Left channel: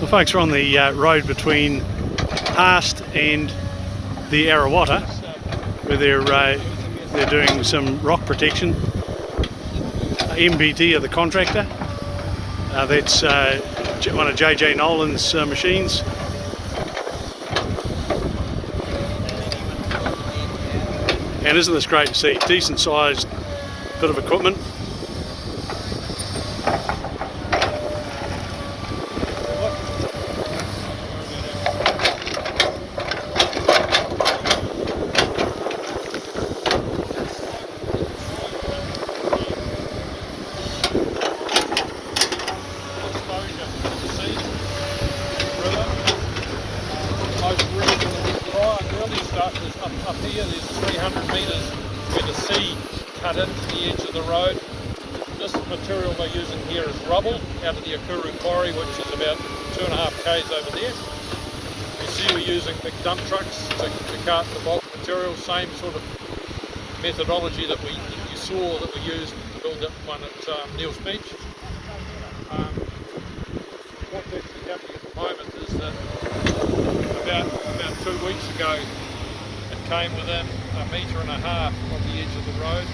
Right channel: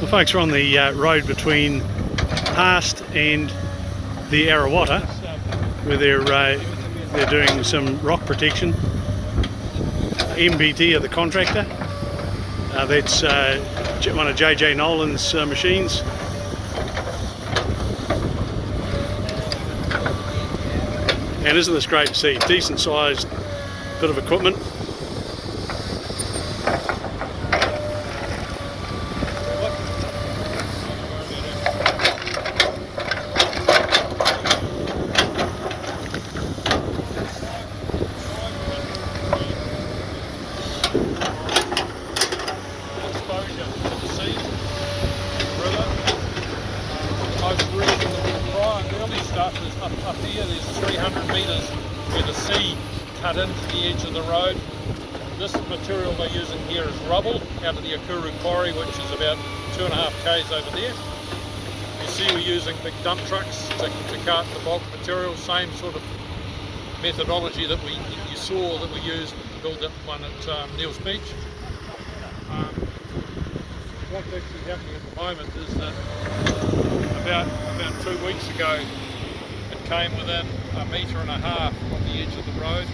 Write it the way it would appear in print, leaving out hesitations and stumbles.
Well, folks, we're on the road between Haast and the Arawata, where they're doing some rock protection. MBT are the contractor. That's one of JJ Nolan's machines. And isn't this great to see? Decent sized bit of equipment. Early stuff is up here. There's 300 metres where the sea cut into the edge of the road. This material they're using here is rubble out of the Akuru quarry, which is about 2.5 k's over there. You see we're using big dump trucks to cart the bulk material, same sort of methodology that you saw that we used to build that one at Neils Beach. What's actually happening at the moment is that about 2 weeks ago it came within 1.5 metres of the edge of the road.